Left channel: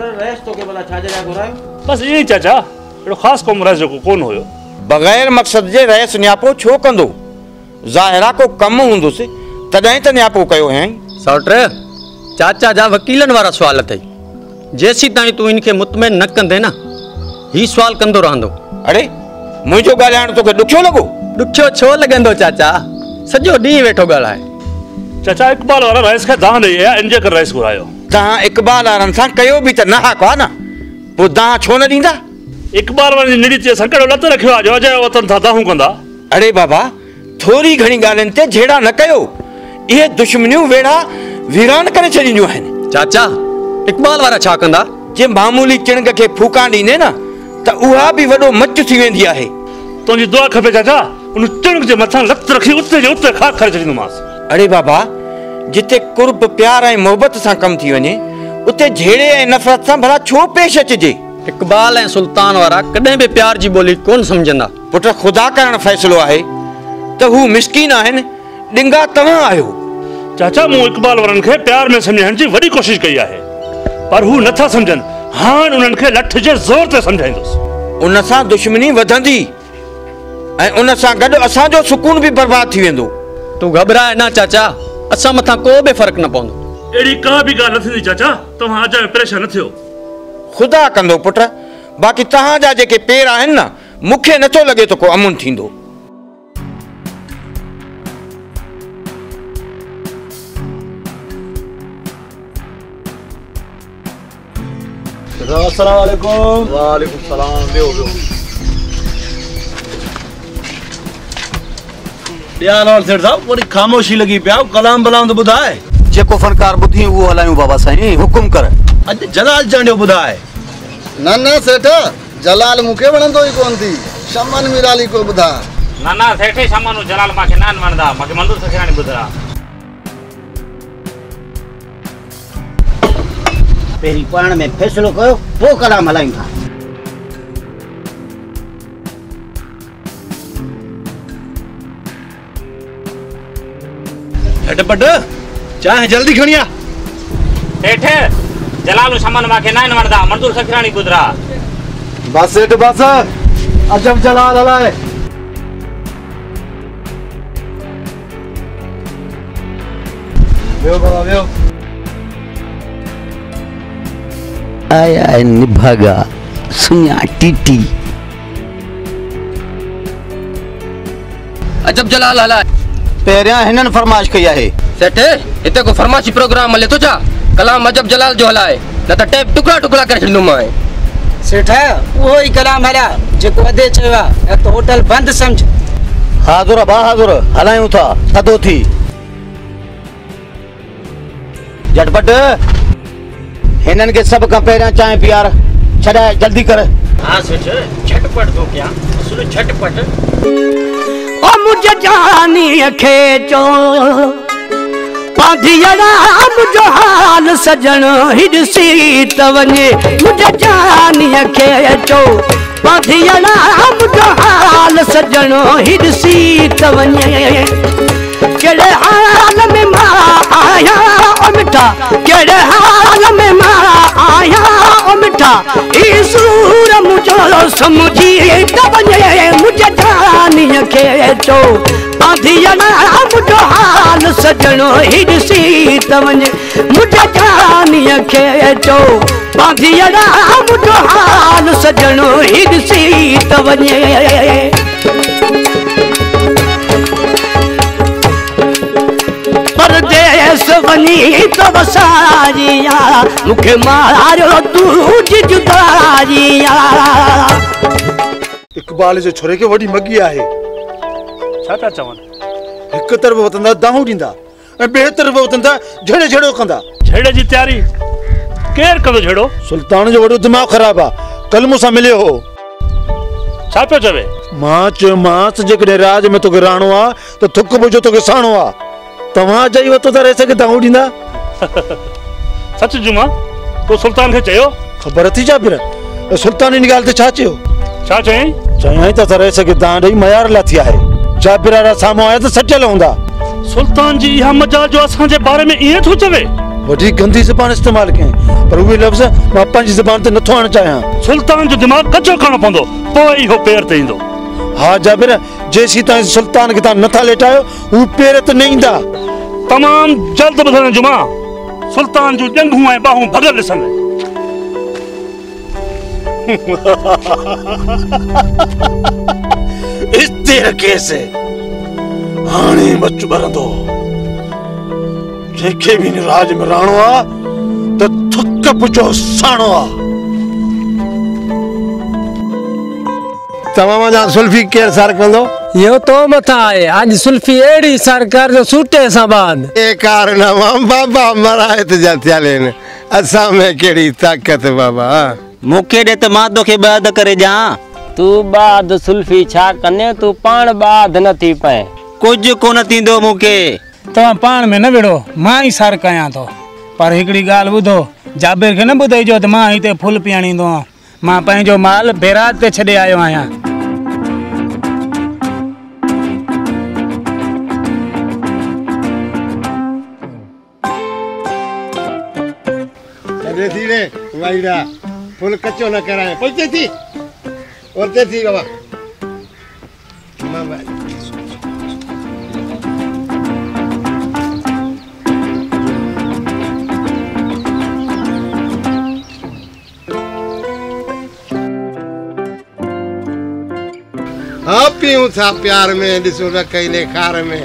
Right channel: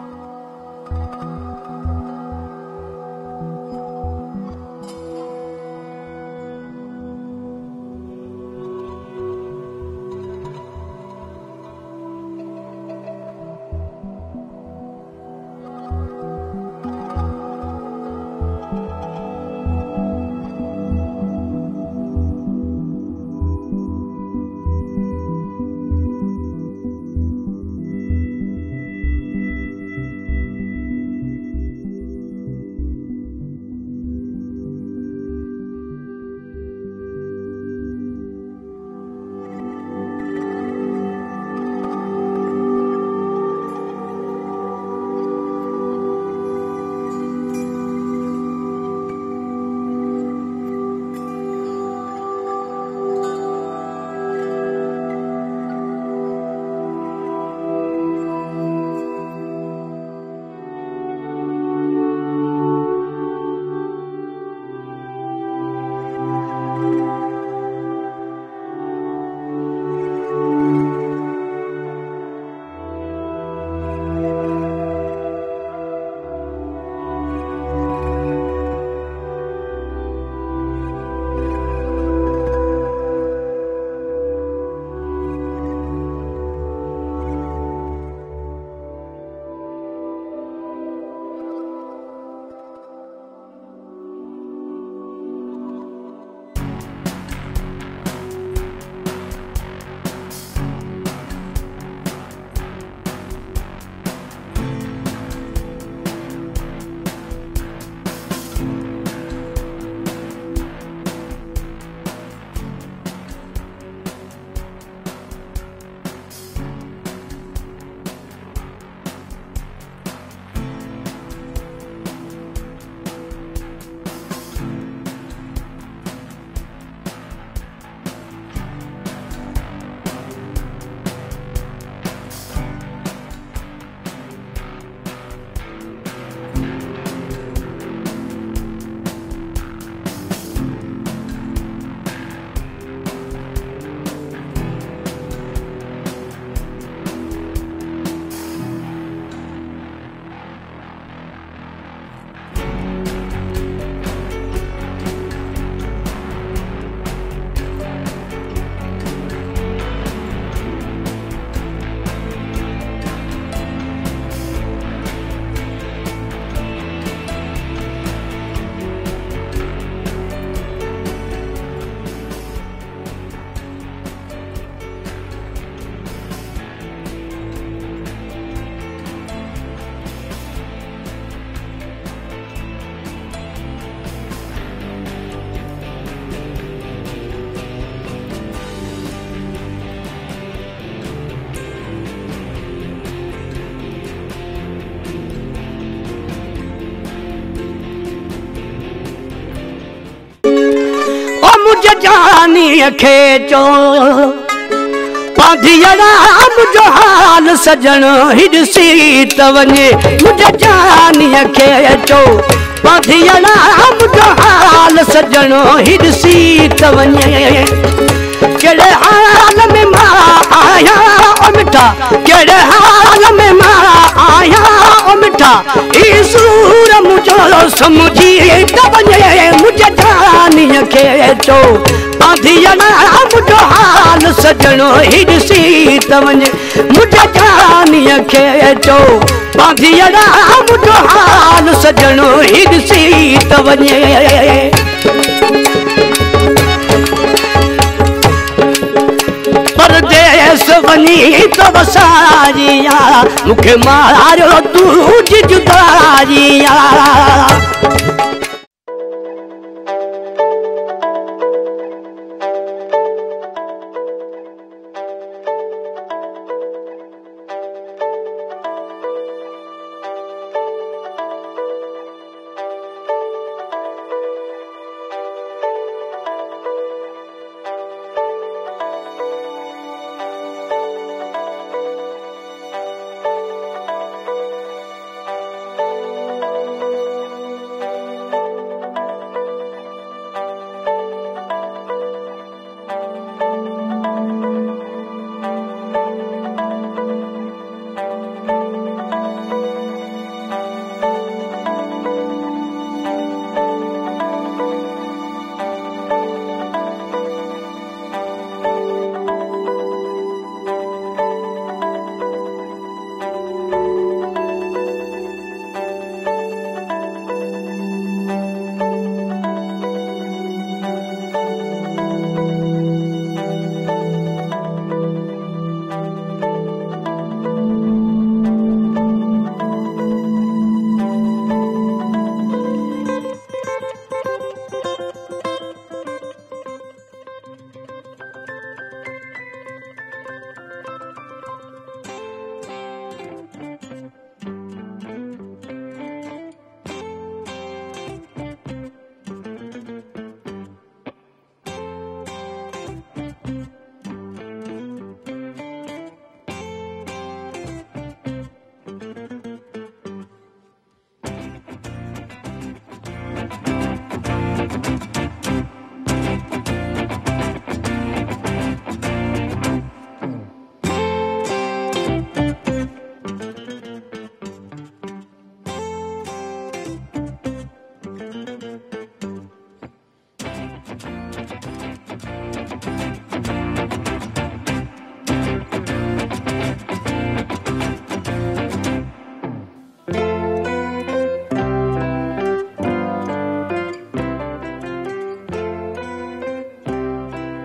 रेस तो के भला छाजे जा घुरायो बस ये चाचा एड़ो खास कोम रेस जो कोन होयो बगैर मकसद जे रेस न्यापो छो कंदो ज़ाहिरा को कम हुंदुसि तॾहिं त न्यापो कयो है सौट्रे चाचा जा वकीलन वारा सवाल अथई जेसी ताईं तू इनके मुतमइन न कंदे ना ही सवाल कंदो रहंदो अरे मुझो गालियाण तोखे ॾुखियो लॻो ॾुखियो छो लॻंदो चाचा सॼो ॾींहुं वेठो ॻाल्हाए चाचा इकबाल वारा रेस खे दान ॾेई आहे इंजे कर रेस घुरायो तव्हां इकबाल वारनि सां कयो बि त न हाको आहे न पोइ तव्हां छो न ॾींदा इकबाल वारनि जी निड़ी ते संकट लत रखियो आहे जो अजय वतन था दाहूं कंदा अरे बाबा थोरी घणी ॻाल्हियुनि ते झेड़ा न कयो इहे दुश्मनियूं वेड़ा वीरान करे छॾींदियूं आहिनि चाचा इकबाल वारा छा कंदा जे मामूली चिणग खे फूका ॾींदे न त उहा बि वॾो मच थी वेंदी आहे तुंहिंजी दुआ खपे चाचा उन चिणग जे मथां लत रखी उते जे उते खाक करे छॾींदोमांसि अरे बाबा जिते कुर्ब प्यार ऐं मोहबत सां कमु थी वञे उते झेड़े ऐं नफ़रत सां भला छो पेश अचिजे इकबाल ऐं सुल्तान वारा कॾहिं बि प्यार जी ॿोली कोन सम्झंदा पुट ख़ुदा करणु फ़ैसिलो आहे त हू मिसकीन आहिनि ॾिंगा तव्हां आहियो चाचा मूं इकबाल वारनि खे प्यार में सम्झाइण जी वॾी कोशिशि कई आहे पर हू नथा सम्झनि हाणे उन्हनि खे लठ जे ज़ोर ते सम्झाईंदुसि उन सां दुश्मनी वधंदी ऐं उन सां गॾु असांजो सुकून बि बर्बाद थी वेंदो तू घबराए ना चाचा असां मथां को बि फ़र्क़ु न पवंदो अहिड़ी का बि ॻाल्हि न थींदी चाचा तव्हां अजायो परेशान न थियो ख़ुदा कंदो पुट बाक़ी तव्हांजा जेके पेर आहिनि न मूंखे नथो लॻे त को अमुन थींदो अस्सलाम वालेकुम वालेकुम सलाम देओ ध्यान और सेठ साहब पूरी खामोशी लगी पिया कलाम बलाम तो बुधाए जेको फनकार बुधी वो हलायूं बाबा साईं हुकुम कर अज जलाल चंडियो बुधाए ना सेठ जलाल मुके वणंदो ई कोन थी शमन मिराली को बुधा ना सेठ शमन जलाल माके नान वणदा माके मंदूर सखरानी बुधा पेरी पाण में फैसलो कयो वो कलाम हलायूं था झटपट चाहे जल्दी खणिया सेठ जलाल शमन माके नान वणदा मंदूर सखरानी बुधरा बस सेठ बस अजब जलाल हलाए वेओ बाबा वेओ आया निभागा सुनिया टीटी अजब जलाल हलाए पहिरियां हिननि फरमाइश कई आहे सेठ हिते को फरमाइशी प्रोग्राम हले थो छा कलाम अजब जलाल जो हलाए न त टेप टुकड़ा टुकड़ा करे छॾींदो मां सेठ उहो ई कलाम हला जेको अदे चयो आहे त होटल बंदि सम्झ हाज़ुर बहादुर हलायूं था थधो थी झटपट हिननि खे सभु खां पहिरियां चांहि पीआर छॾाए जल्दी कर हां सेठ झटपट तो क्या सुन झटपट ओ मुझे जानी खे चो पाधियड़ा मुझो हाल सजन हिडसी त वञे मुझे जानी खे चो पाधियड़ा मुझो हाल सजन हिडसी त वञे केड़े हाल में मां आया ओ मिठा केड़े हाल में मां आया ओ मिठा ई सूर मुझो समझी त वञे मुझे जानी खे चो पाधियड़ा मुझो हाल सजन हिडसी त वञे मुझे जानी खे चो पाधियड़ा मुझो हाल सजन हिडसी त वञे परदेस वनी तो बसारिया मुखे मारो तू जुदारिया इकबाल जे छोरे के वडी मगी आहे छा था चवन हिक तरफ वतंदा दाहू ॾींदा ऐं ॿिए तरफ वतंदा झड़े झड़ो कंदा झेड़े जी तयारी केर कंदो झेड़ो सुल्तान जो वॾो दिमाग़ ख़राब आहे कल मूंसां मिलियो हो छा पियो चवे मां चयो मांस जेकॾहिं राज में तोखे राणो आहे त थुक बुझो तोखे साणो आहे तव्हां चई वतो त रहे सघे दाहू ॾींदा सच जुमा तो सुल्तान खे चयो ख़बर थी छा फिर सुल्तान इन ॻाल्हि ते छा चयो छा चई चई त रहे सघे दां ॾेई मयार लाथी आहे जाबिर वारा साम्हूं आया त सटियल हूंदा सुल्तान जी इहा मजाल जो असां जे बारे में इएं थो चवे वॾी गंदी ज़बान इस्तेमाल कयईं पर उहे लफ़्ज़ मां पंहिंजी ज़बान ते नथो आणणु चाहियां। सुल्तान जो दिमाग़ कचो करणो पवंदो पोइ ई हो पेर ते ईंदो। हाँ जाबिर, जेसीं ताईं सुल्तान खे तव्हां नथा लेटायो हू पेर ते न ईंदा। तमामु जल्द ॿुधण जुमा, सुल्तान जूं ॼंघूं ऐं ॿाहूं भॻल ॾिसनि। इते रखेसि हाणे मच ॿरंदो। जेके बि हिन राज में रहणो आहे त थुक पुछो साणो आहे। तमाम जा सुल्फी केर सर कंदो? यो तो मथा आहे आज सुल्फी एड़ी सरकार जो सूटे सा बाद ए कारनामा बाबा मरायत जा थियालेन असा में केड़ी ताकत बाबा। मुखे दे त मां तोखे बाद करे जा। तू बाद सुल्फी छा कने तू पाण बाद न थी पए। कुछ कोन थींदो मुखे। तो पाण में न विड़ो मां ही सर कया तो पर एकड़ी गाल बुधो जाबिर के न बुधाई जो त मां हिते फुल पियाणींदो मां पंहिंजो माल बेरात ते छडे आयो आया। धीरे वाइडा फुल कच्चो न कराए पहुंचे थी और ते थी बाबा। हाँ पियूं था प्यार में ॾिसो न कई ने खार में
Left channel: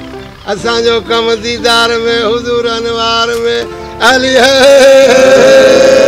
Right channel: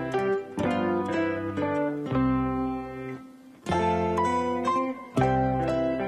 असांजो कम दीदार में हुजूर अनवार में अली है।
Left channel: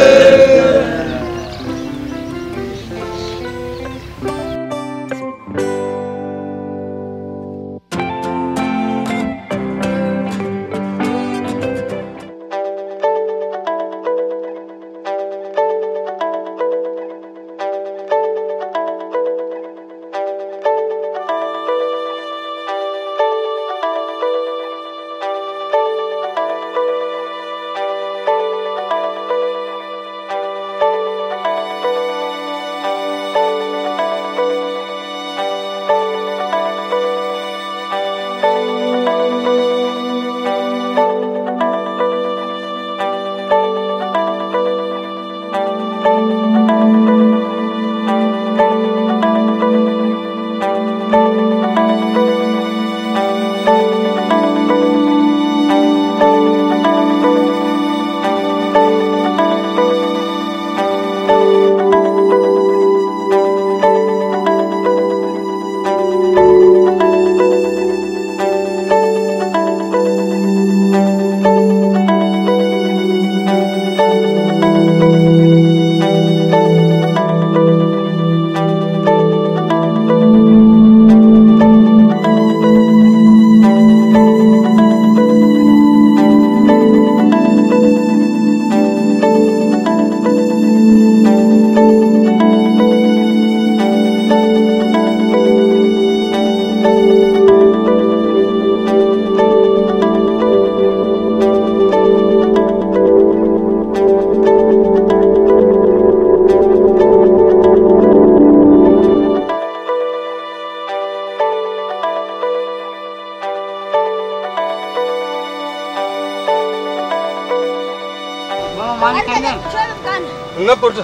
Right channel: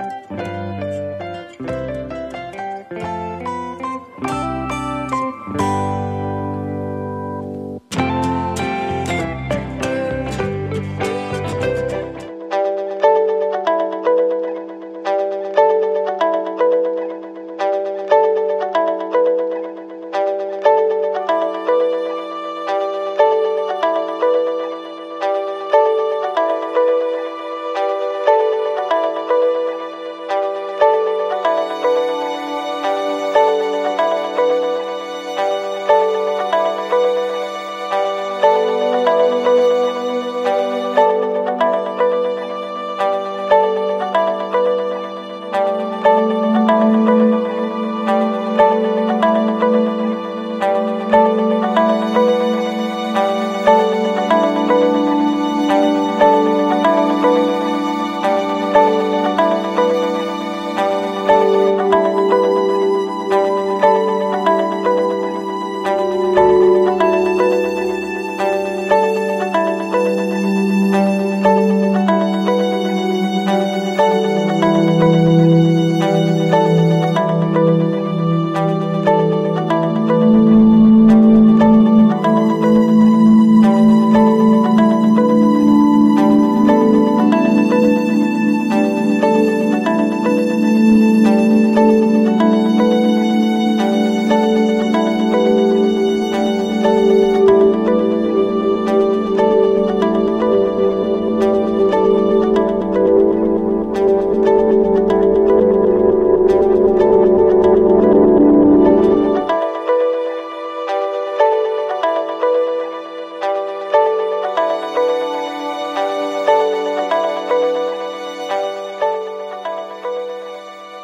न पुट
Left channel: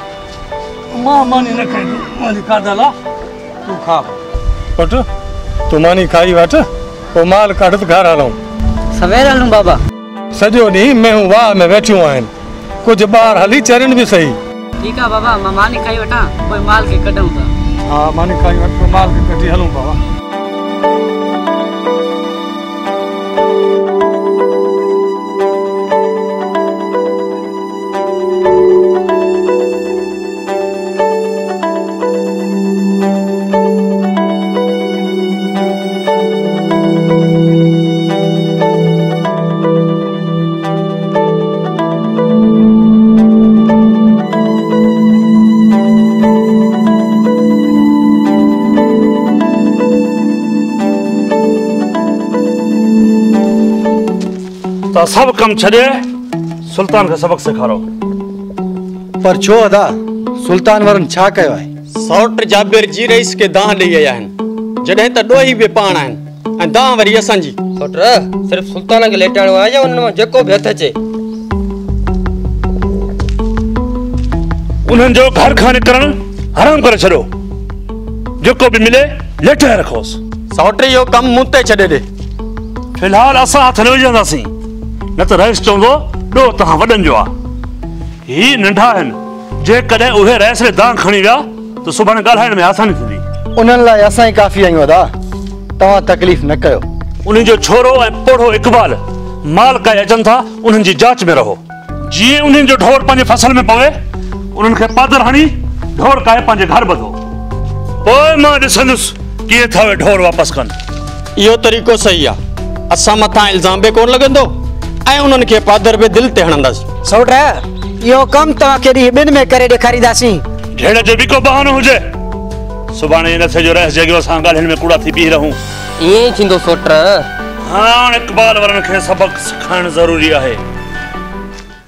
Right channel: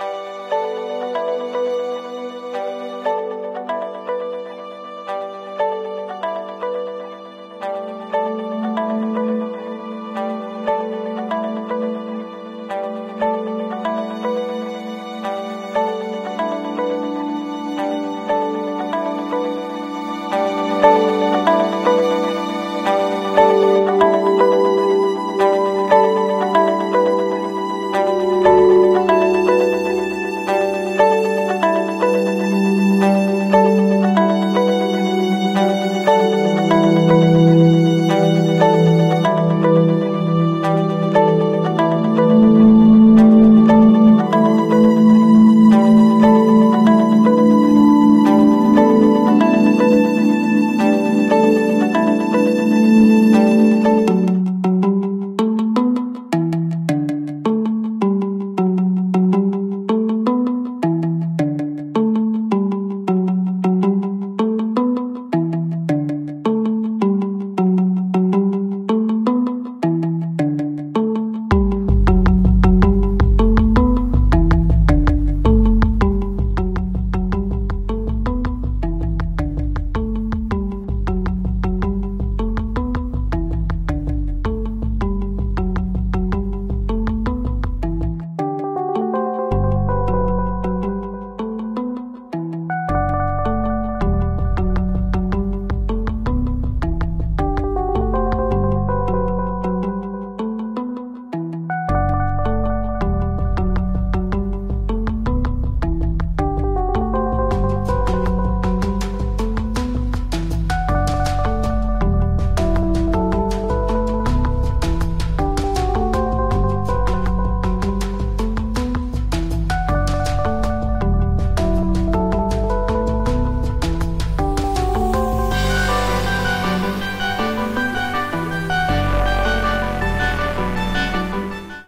मां मानी न खाई मानी खादला तू खा पुट तू मानी खाई वठ ओ माल कढ घर हलूं सवेर हलूं बाबा सजो नी मैं वाह में बैठियो आहिन कुछ बार हली चरन भी सही ठीक है बाबा मां मानी खाई वठा कोई माल के कढूं था हां मानी खाई वठ माल के कढी हलूं बाबा सब कम छड़े सुल्तान का सबक सिखारो पर छो अदा सुल्तान वरन छा कयो है सौट जाबिर जी रईस के दाह दे आया हैं जडे त डोही बे पाण हैं ए दाह वरी असन जी सौट सिर्फ सुल्तान के लेटाणो आ या उन में जेको भी हथ अचे उन्हनि जो घर खां निकिरण हराम करे छॾियो। जेको बि मिले लेटे रखोसि। सौट इहो कमु मूं ते छॾे ॾे। फिलहाल असां हथ न विझंदासीं, न त रईस चवंदो ॾोह तव्हां वॾनि जो आहे। ही नंढा आहिनि, जेकॾहिं उहे रईस खे दांग खणी विया त सुभाणे ॻाल्हाइण में आसानी थींदी। उन्हनि लाइ असां ई काफ़ी आहियूं अदा, तव्हां तकलीफ़ न कयो। उन्हनि जो छोरो ऐं पोढ़ो इक़बाल माल काए अचनि था, उन्हनि जी जांच में रहो। जीअं उन्हनि जो ढोर पंहिंजे फसल में पवे, उन्हनि खे पादर हणी ढोर काए पंहिंजे घर ॿधो। पोइ मां ॾिसंदुसि कीअं था उहे ढोर वापसि कनि। इहो तरीक़ो सही आहे। असां मथां इल्ज़ाम बि कोन लॻंदो ऐं उन्हनि खे पादर बि दिलि ते हणंदासीं। सौट इहो कमु तव्हांखे ॾींहुं ॿिनि में करे ॾेखारींदासीं। ढेड़ जो बि को बहानो हुजे, सुभाणे इन थे जो रहिस जॻियो असां ॻाल्हियुनि में कूड़ा थी बीह रहूं। ईअं थींदो सोट। हाणे इक़बाल वारनि खे सबक़ सिखाइणु ज़रूरी आहे।